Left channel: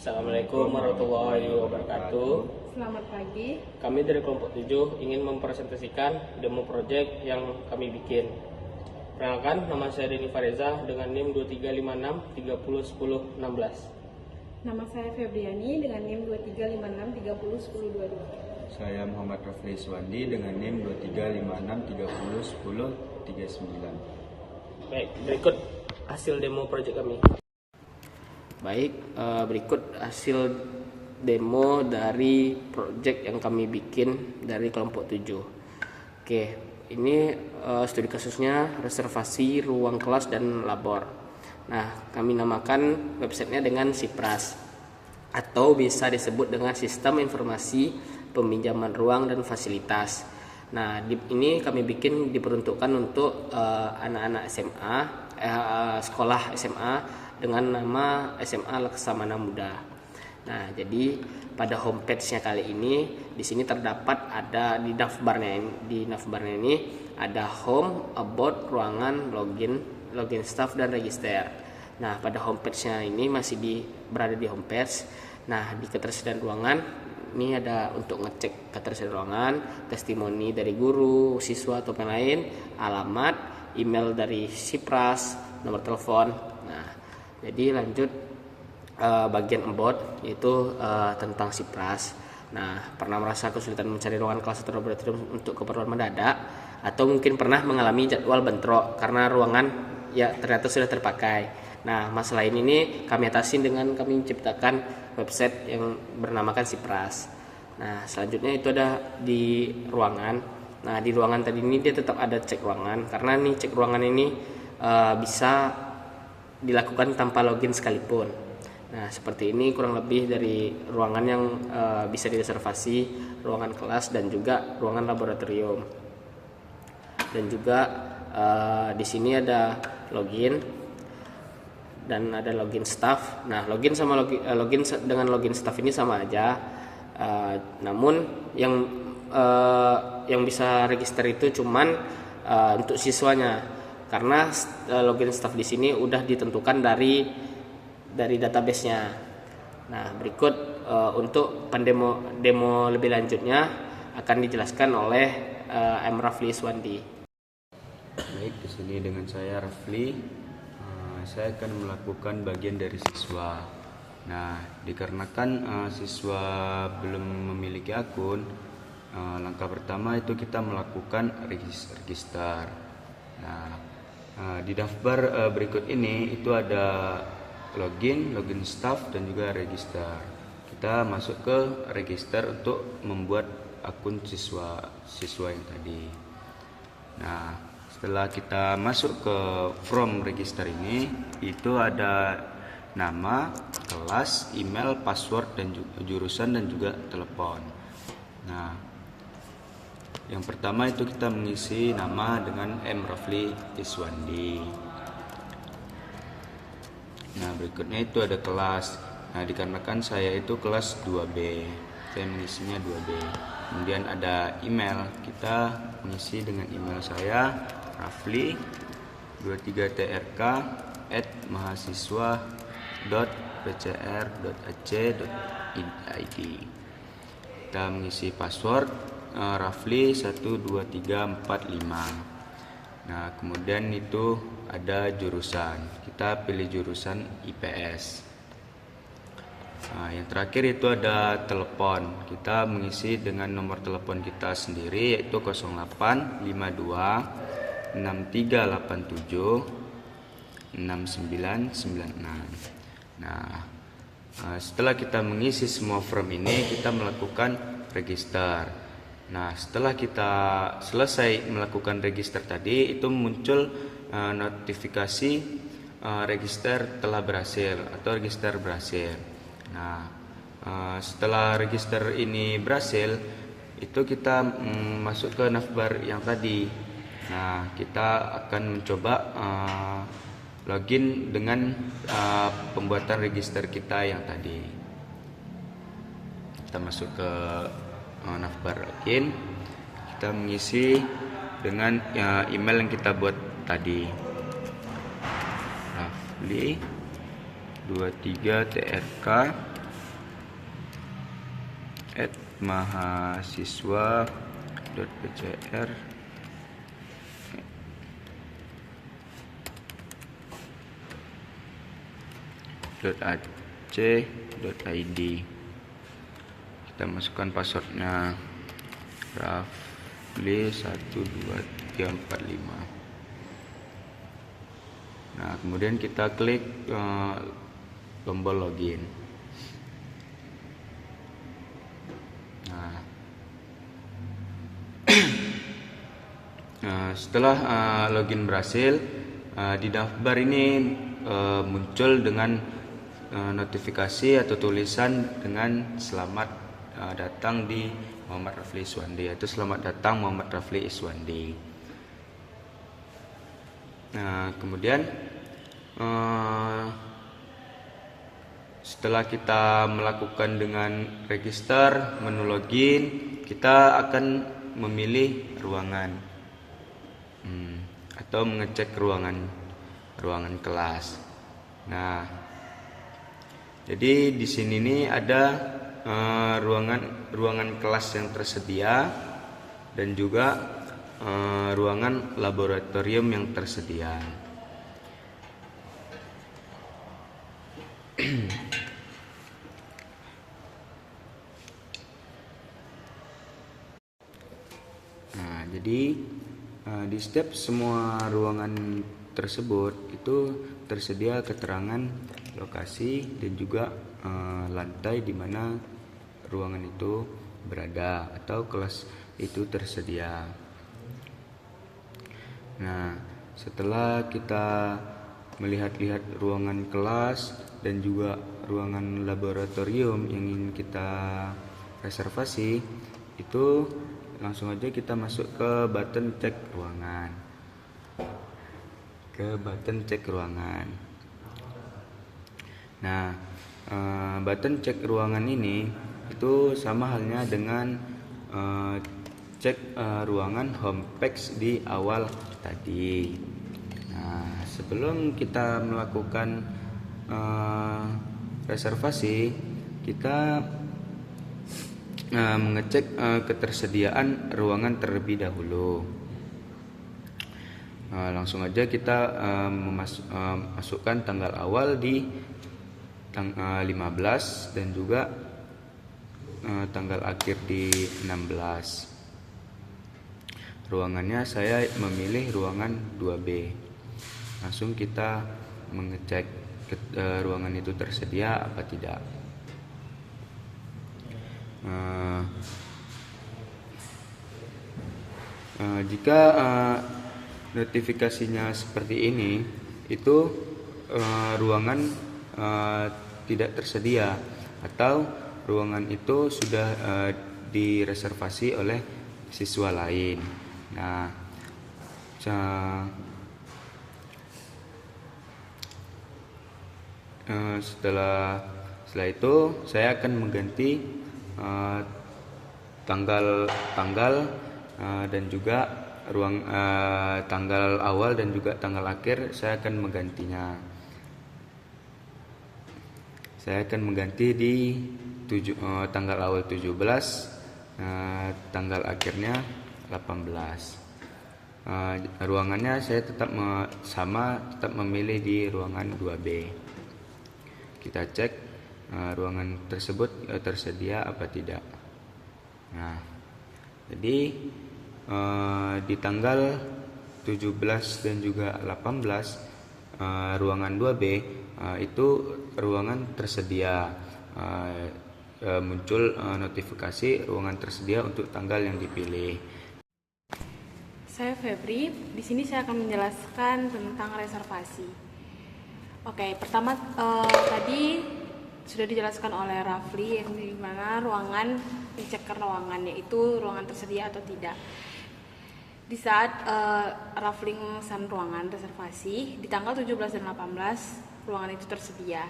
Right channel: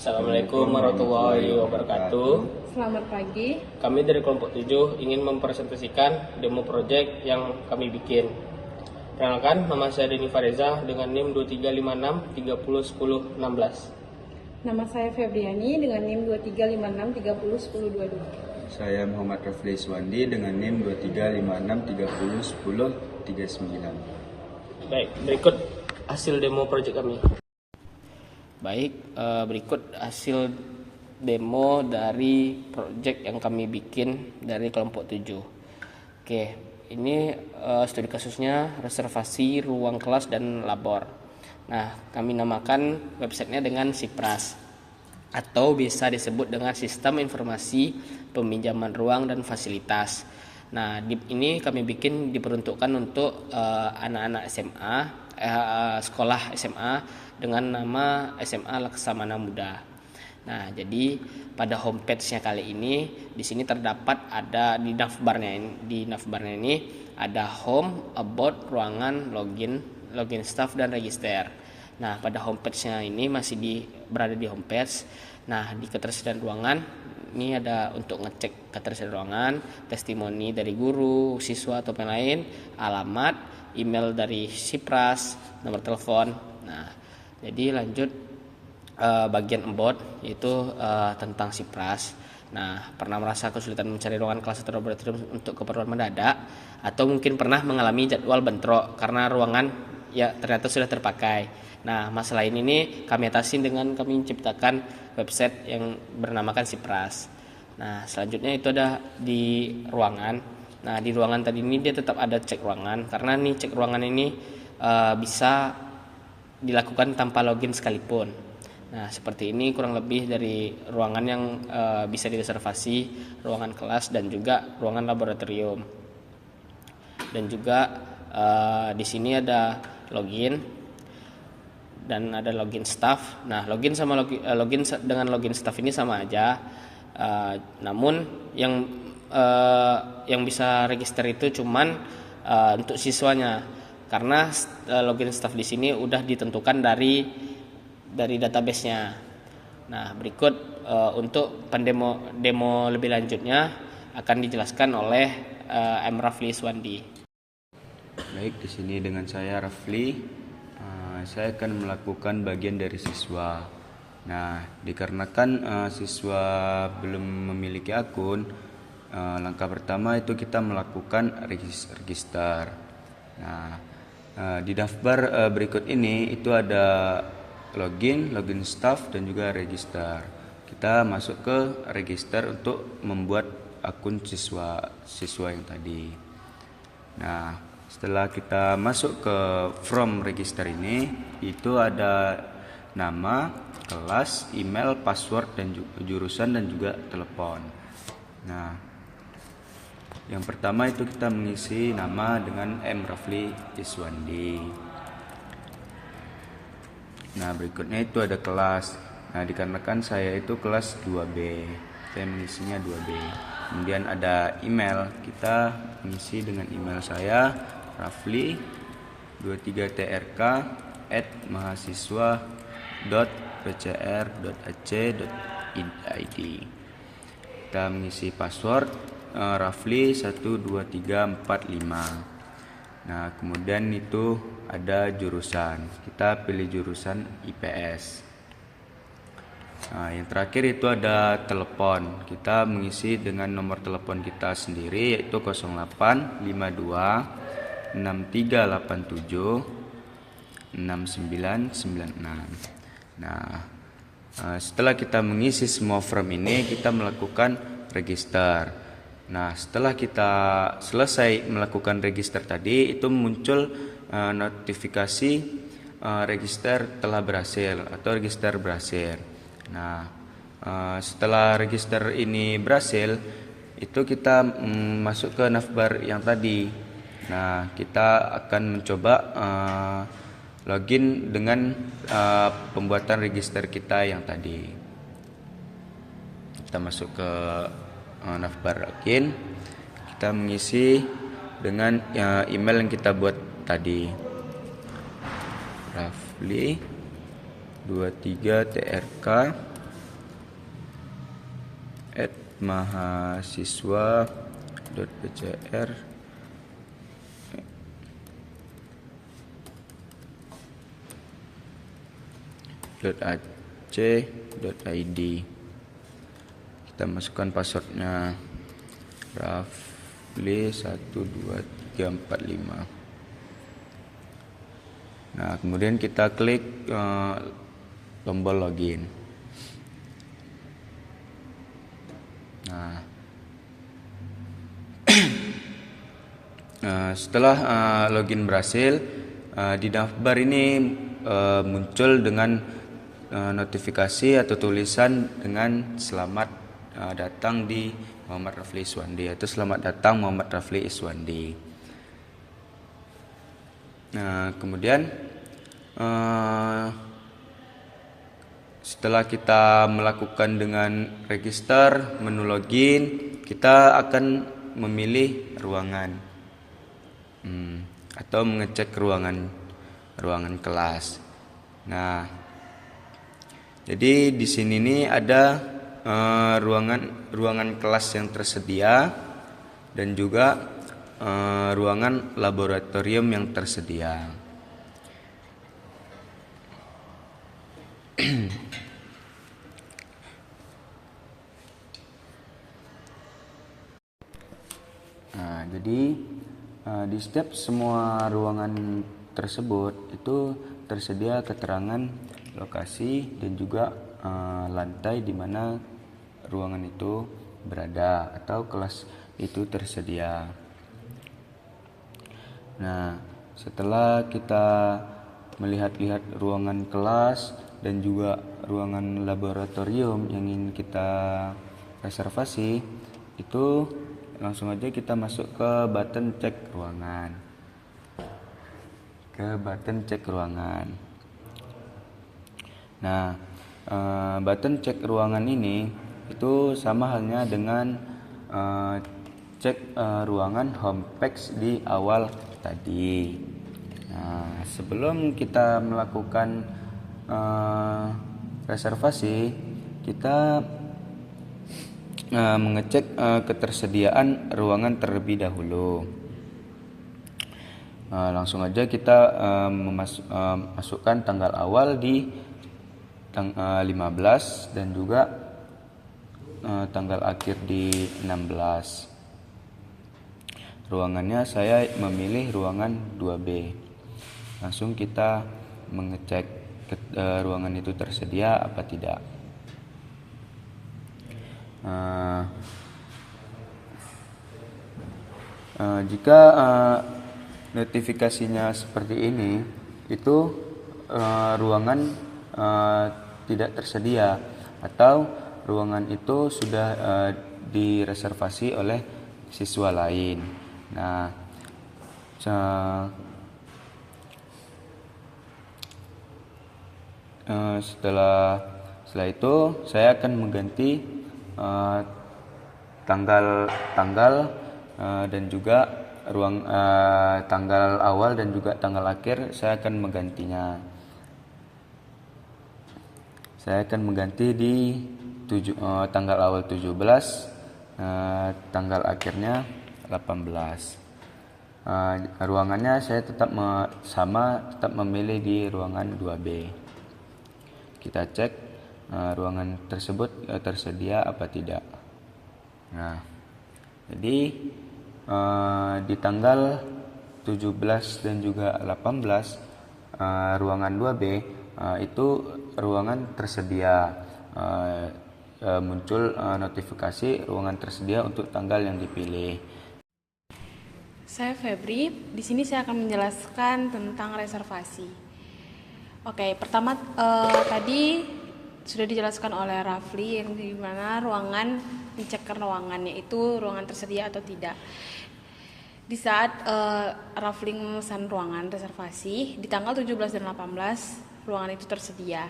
Assalamualaikum warahmatullahi wabarakatuh. Selamat pagi. Kami dari kelompok 7 ingin mempresentasikan demo project yang kami bikin. Perkenalkan, nama saya Denny Fareza dengan NIM 2356301016. Nama saya Febriani dengan NIM 2356301022. Saya Muhammad Rafli Swandi dengan NIM 2356301039. Baik, berikut hasil demo project kami. Baik, berikut hasil demo dari project yang kami bikin dari kelompok 7. Oke, ini studi kasusnya reservasi ruang kelas dan labor. Nah, kami namakan websitenya dengan SIPRAS atau bisa disebut dengan Sistem Informasi Peminjaman Ruang dan Fasilitas. Nah, ini kami bikin diperuntukkan untuk anak-anak SMA, sekolah SMA dengan nama SMA Laksamana Muda. Nah, jadi pada homepage-nya kali ini di sini terdapat ada di navbarnya ini ada home, about, ruangan, login staff dan register. Nah, pada homepage-nya ini masih berada di homepage. Nah, di ketersediaan ruangan ini ada untuk ngecek ketersediaan ruangan, testimoni dari guru, siswa atau yang lain, alamat, email dari SIPRAS, nomor telepon. Nah, jadi lanjut bagian about yaitu tentang SIPRAS. Nah, pernah merasa kesulitan mencari ruangan kelas atau laboratorium untuk keperluan mendadak, atau mungkin pernah mengalami jadwal bentrok karena ruangan ya ternyata sudah terpakai. Nah, masalah ini kami atasi dengan kami menciptakan website yang bernamakan SIPRAS. Nah, selanjutnya itu ada di ruangan. Nah, di ruangan tadi ini dia tetap ada cek ruangan karena nih cek ruangan ini bisa dilakukan tanpa login sekalipun. Nah, seperti ini kurang lebih dari ruangan yang bisa direservasi, ruangan kelas dan juga ruangan laboratorium. Dan juga di sini ada login dan ada login staff. Nah, login dengan login staff ini sama aja. Namun yang bisa register itu cuman untuk siswanya. Karena login staff di sini udah ditentukan dari database-nya. Nah, berikut untuk demo lebih lanjutnya akan dijelaskan oleh M. Rafli Swandi. Baik, di sini dengan saya Rafli. Saya akan melakukan bagian dari siswa. Nah, dikarenakan siswa belum memiliki akun, langkah pertama itu kita melakukan register. Nah, di daftar berikut ini itu ada login staff dan juga register. Kita masuk ke register untuk membuat akun siswa yang tadi. Nah, setelah kita masuk ke from register ini, itu ada nama, kelas, email, password dan jurusan dan juga telepon. Nah, yang pertama itu kita mengisi nama dengan M. Rafli Iswandi. Nah, berikutnya itu ada kelas. Nah, dikarenakan saya itu kelas 2B, saya mengisinya 2B. Kemudian ada email, kita mengisi dengan email saya rafli23trk@mahasiswa.pcr.ac.id. Kita mengisi password Rafli 12345. Nah, kemudian itu ada jurusan. Kita pilih jurusan IPS. Nah, yang terakhir itu ada telepon. Kita mengisi dengan nomor telepon kita sendiri yaitu 0852 6387 6996. Nah, setelah kita mengisi semua form ini, kita melakukan register. Nah, setelah kita selesai melakukan register tadi, itu muncul notifikasi register telah berhasil atau register berhasil. Nah, setelah register ini berhasil, itu kita masuk ke navbar yang tadi. Nah, kita akan mencoba login dengan pembuatan register kita yang tadi. Kita masuk ke navbar login, kita mengisi dengan email yang kita buat tadi, Rafli 23trk @mahasiswa.pcr .ac.id. Kita masukkan passwordnya Rafli12345. Nah, kemudian kita klik tombol login. Nah, setelah login berhasil, di navbar ini muncul dengan notifikasi atau tulisan dengan selamat datang di Muhammad Rafli Iswandi, yaitu selamat datang Muhammad Rafli Iswandi. Nah, kemudian setelah kita melakukan dengan register menu login, kita akan memilih ruangan atau mengecek ruangan kelas. Nah, jadi di sini nih ada ruangan kelas yang tersedia dan juga ruangan laboratorium yang tersedia. Nah, jadi di setiap semua ruangan tersebut itu tersedia keterangan lokasi dan juga lantai di mana ruangan itu berada atau kelas itu tersedia. Nah, setelah kita melihat-lihat ruangan kelas dan juga ruangan laboratorium yang ingin kita reservasi, itu langsung aja kita masuk ke button cek ruangan. Nah, button cek ruangan ini itu sama halnya dengan cek ruangan home page di awal tadi. Nah, sebelum kita melakukan reservasi, kita mengecek ketersediaan ruangan terlebih dahulu. Langsung aja kita masukkan tanggal awal di 15 dan juga tanggal akhir di 16. Ruangannya saya memilih ruangan 2B. Langsung kita mengecek ruangan itu tersedia apa tidak. Jika notifikasinya seperti ini, itu ruangan tidak tersedia atau ruangan itu sudah direservasi oleh siswa lain. Nah, setelah itu saya akan mengganti tanggal dan juga tanggal awal dan juga tanggal akhir. Saya akan menggantinya. Saya akan mengganti di tanggal awal 17, tanggal akhirnya 18. Ruangannya saya tetap tetap memilih di ruangan 2B. Kita cek ruangan tersebut tersedia apa tidak. Nah, jadi di tanggal 17 dan juga 18 ruangan 2B itu ruangan tersedia, muncul notifikasi ruangan tersedia untuk tanggal yang dipilih. Saya Febri. Di sini saya akan menjelaskan tentang reservasi. Oke, pertama tadi sudah dijelaskan oleh Rafli yang di mana ruangan pencek ruangannya itu ruangan tersedia atau tidak. Di saat Rafli memesan ruangan reservasi di tanggal 17 dan 18 ruangan itu tersedia.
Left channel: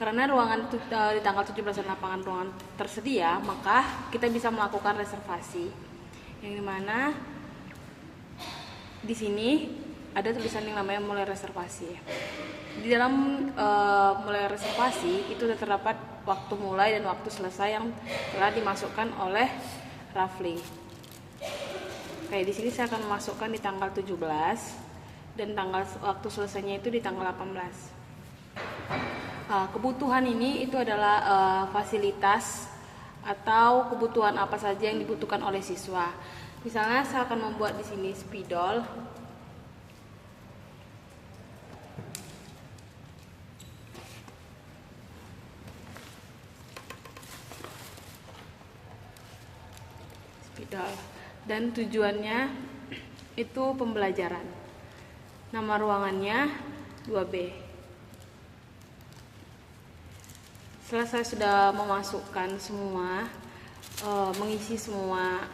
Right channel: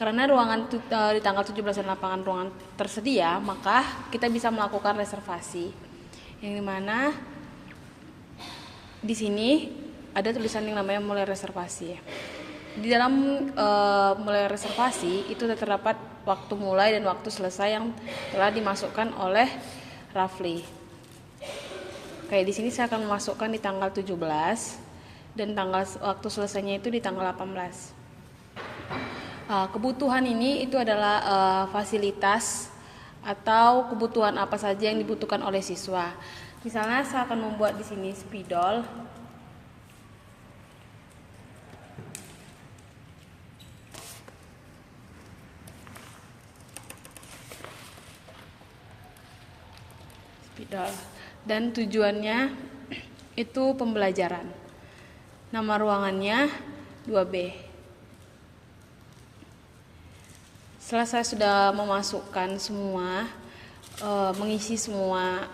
Karena ruangan di tanggal 17 dan 18 ruangan tersedia, maka kita bisa melakukan reservasi. Yang dimana di sini ada tulisan yang namanya mulai reservasi. Di dalam mulai reservasi itu terdapat waktu mulai dan waktu selesai yang telah dimasukkan oleh Rafli. Kayak di sini saya akan memasukkan di tanggal 17 dan waktu selesainya itu di tanggal 18. Kebutuhan ini itu adalah fasilitas atau kebutuhan apa saja yang dibutuhkan oleh siswa. Misalnya saya akan membuat di sini spidol. Dan tujuannya itu pembelajaran. Nama ruangannya 2B. Setelah saya sudah memasukkan semua, mengisi semua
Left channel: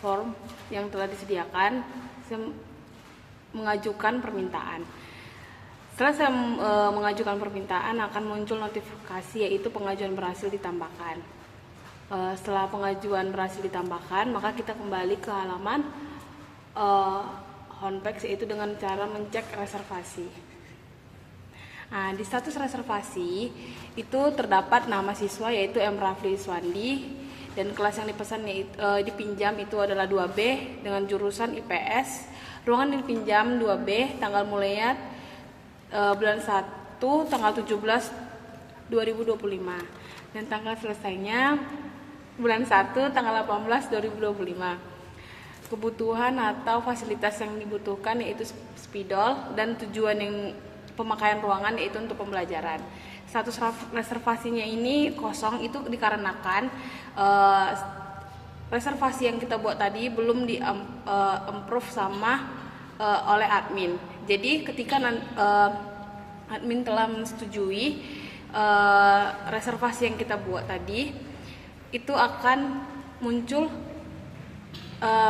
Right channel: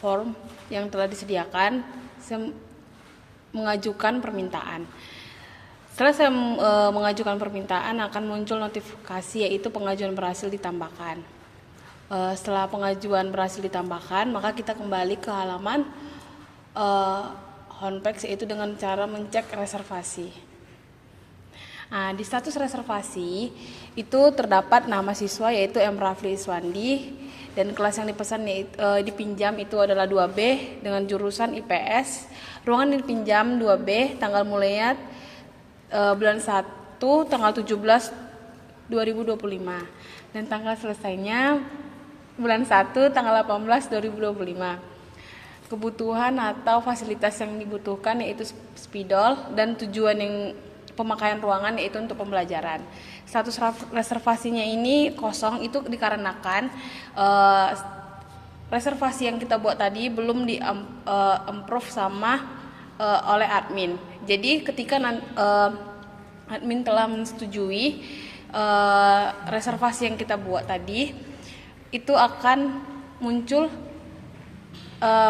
form yang telah disediakan, saya mengajukan permintaan. Setelah saya mengajukan permintaan, akan muncul notifikasi yaitu pengajuan berhasil ditambahkan. Setelah pengajuan berhasil ditambahkan, maka kita kembali ke halaman homepage yaitu dengan cara mencek reservasi. Nah, di status reservasi itu terdapat nama siswa yaitu M. Rafli Iswandi dan kelas yang dipesan dipinjam itu adalah 2B dengan jurusan IPS. Ruangan dipinjam 2B, tanggal mulainya bulan 1 tanggal 17 2025 dan tanggal selesainya bulan 1 tanggal 18 2025. Kebutuhan atau fasilitas yang dibutuhkan yaitu spidol dan tujuan yang pemakaian ruangan yaitu untuk pembelajaran. Status reservasinya ini kosong itu dikarenakan reservasi yang kita buat tadi belum di approve sama oleh admin. Jadi ketika admin telah menyetujui reservasi yang kita buat tadi, itu akan muncul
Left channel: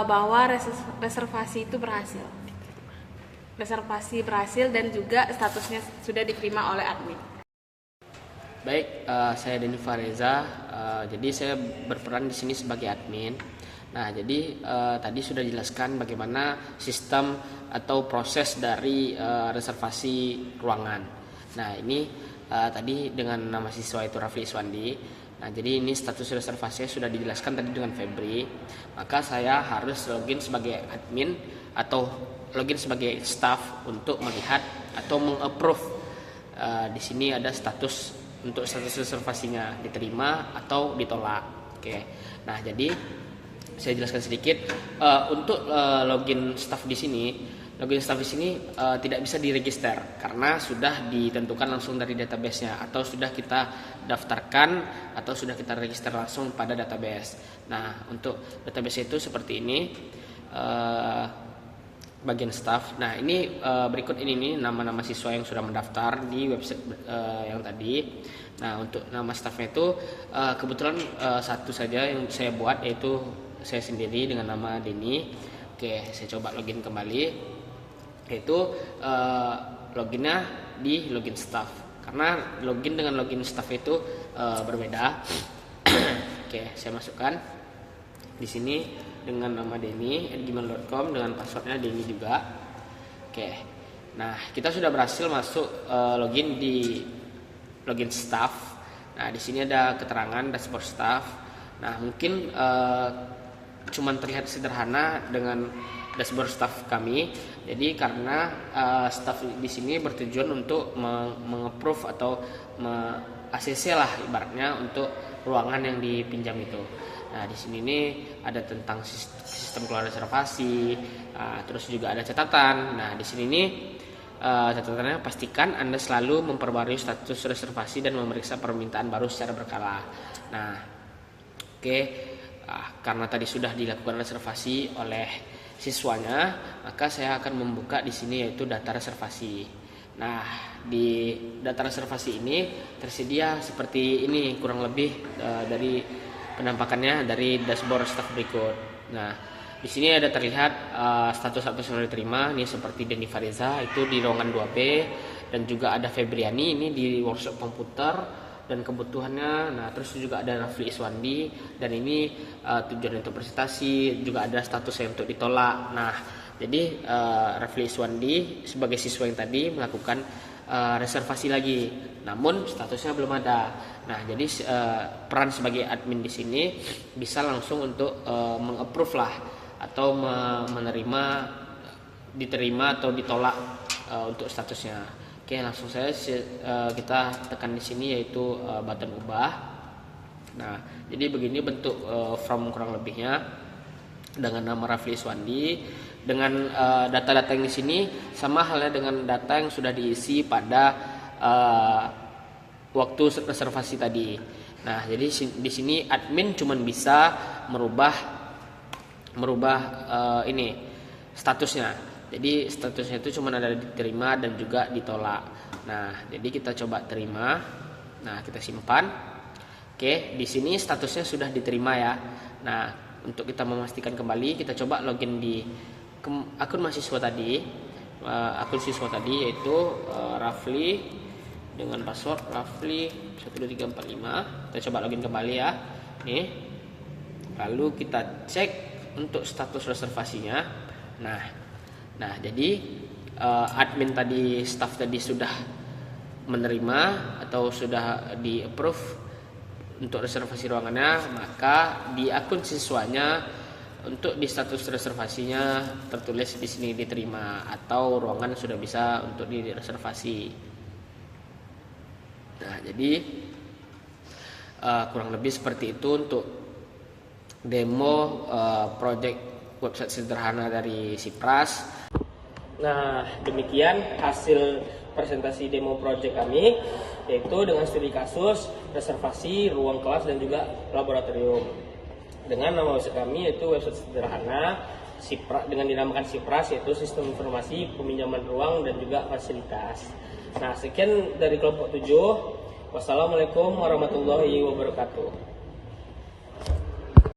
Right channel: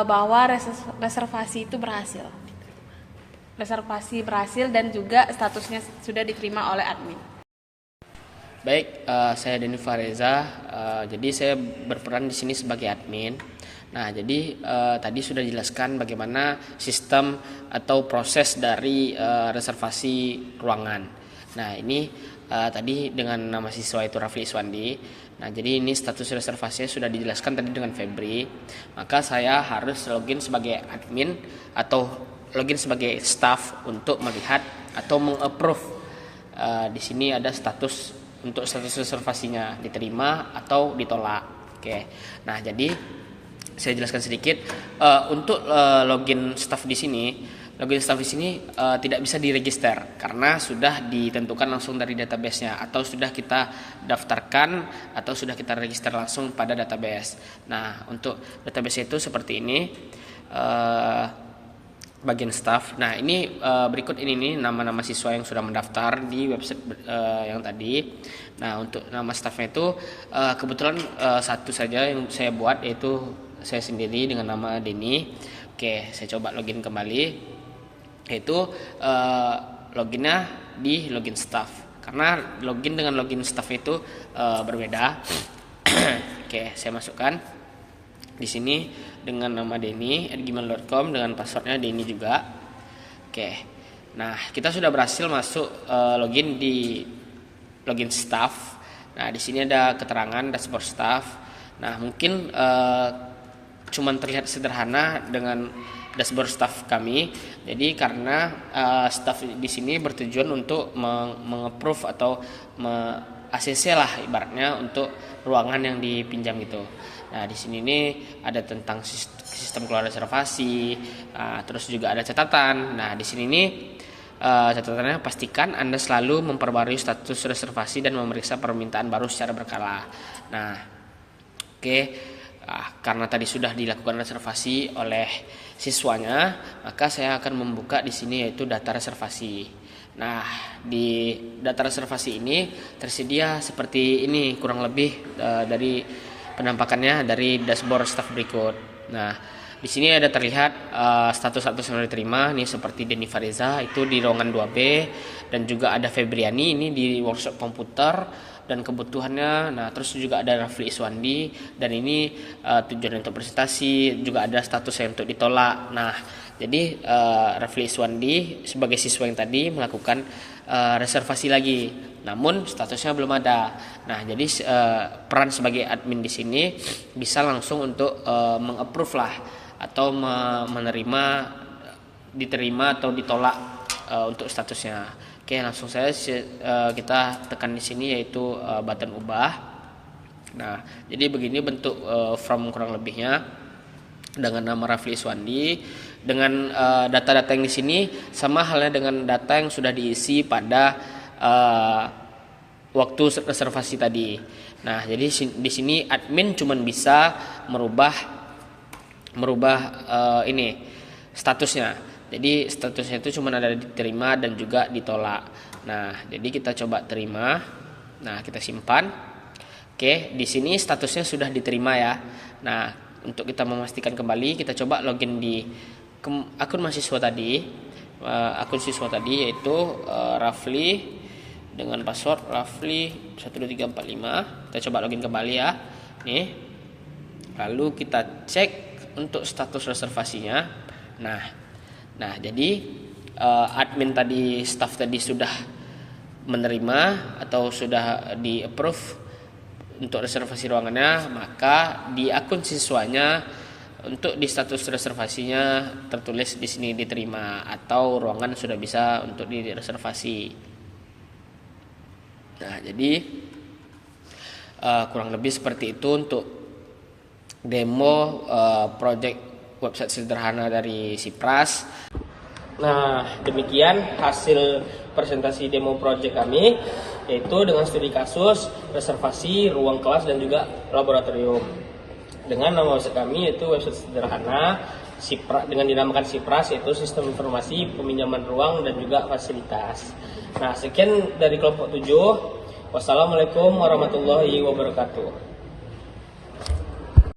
bahwa reservasi itu berhasil. Reservasi berhasil dan juga statusnya sudah diterima oleh admin. Baik, saya Denny Fareza. Jadi saya berperan di sini sebagai admin. Nah, jadi tadi sudah dijelaskan bagaimana sistem atau proses dari reservasi ruangan. Nah, ini tadi dengan nama siswa itu Rafli Iswandi. Nah, jadi ini status reservasinya sudah dijelaskan tadi dengan Febri. Maka saya harus login sebagai admin atau login sebagai staff untuk melihat atau mengapprove. Di sini ada status untuk status reservasinya diterima atau ditolak. Oke. Nah, jadi saya jelaskan sedikit untuk login staff di sini. Login staff di sini tidak bisa diregister karena sudah ditentukan langsung dari database-nya atau sudah kita daftarkan atau sudah kita register langsung pada database. Nah, untuk database itu seperti ini. Bagian staff. Nah, ini berikut ini nih nama-nama siswa yang sudah mendaftar di website yang tadi. Nah, untuk nama staffnya itu kebetulan satu saja yang saya buat yaitu saya sendiri dengan nama Denny. Oke, saya coba login kembali. Yaitu loginnya di login staff. Karena login dengan login staff itu berbeda. Oke, saya masukkan di sini dengan nama Denny @gmail.com dengan passwordnya Denny juga. Oke. Nah, kita sudah berhasil masuk login di login staff. Nah, di sini ada keterangan dashboard staff. Nah, mungkin cuman terlihat sederhana dengan dashboard staff kami. Jadi karena staff di sini bertujuan untuk mengapprove atau ACC lah ibaratnya untuk ruangan yang dipinjam itu. Nah, di sini nih ada tentang sistem keluar reservasi, terus juga ada catatan. Nah, di sini nih catatannya pastikan Anda selalu memperbarui status reservasi dan memeriksa permintaan baru secara berkala. Nah, oke. Karena tadi sudah dilakukan reservasi oleh siswanya, maka saya akan membuka di sini yaitu data reservasi. Nah, di data reservasi ini tersedia seperti ini kurang lebih dari penampakannya dari dashboard staff berikut. Nah, di sini ada terlihat status yang diterima ini seperti Denny Fareza itu di ruangan 2B dan juga ada Febriani ini di workshop komputer dan kebutuhannya. Nah, terus juga ada Rafli Iswandi dan ini tujuan untuk presentasi, juga ada statusnya untuk ditolak. Nah, jadi Rafli Iswandi sebagai siswa yang tadi melakukan reservasi lagi, namun statusnya belum ada. Nah, jadi peran sebagai admin di sini bisa langsung untuk mengapprove lah atau menerima, diterima atau ditolak untuk statusnya. Oke, langsung saja kita tekan di sini yaitu button ubah. Nah, jadi begini bentuk form kurang lebihnya dengan nama Rafli Iswandi. Dengan data-data yang di sini sama halnya dengan data yang sudah diisi pada waktu reservasi tadi. Nah, jadi di sini admin cuma bisa merubah ini statusnya. Jadi statusnya itu cuma ada diterima dan juga ditolak. Nah, jadi kita coba terima. Nah, kita simpan. Oke, di sini statusnya sudah diterima ya. Nah, untuk kita memastikan kembali, kita coba login di akun mahasiswa tadi, akun siswa tadi yaitu Rafli dengan password Rafli 12345. Kita coba login kembali ya. Nih. Lalu kita cek untuk status reservasinya. Nah, jadi admin tadi, staff tadi sudah menerima atau sudah di approve untuk reservasi ruangannya, maka di akun siswanya untuk di status reservasinya tertulis di sini diterima atau ruangan sudah bisa untuk direservasi. Nah, jadi kurang lebih seperti itu untuk demo project website sederhana dari Sipras. Nah, demikian hasil presentasi demo project kami, yaitu dengan studi kasus, reservasi, ruang kelas dan juga laboratorium. Dengan nama website kami yaitu website sederhana Sipras, dengan dinamakan Sipras, yaitu sistem informasi peminjaman ruang dan juga fasilitas. Nah, sekian dari kelompok 7. Wassalamualaikum warahmatullahi wabarakatuh.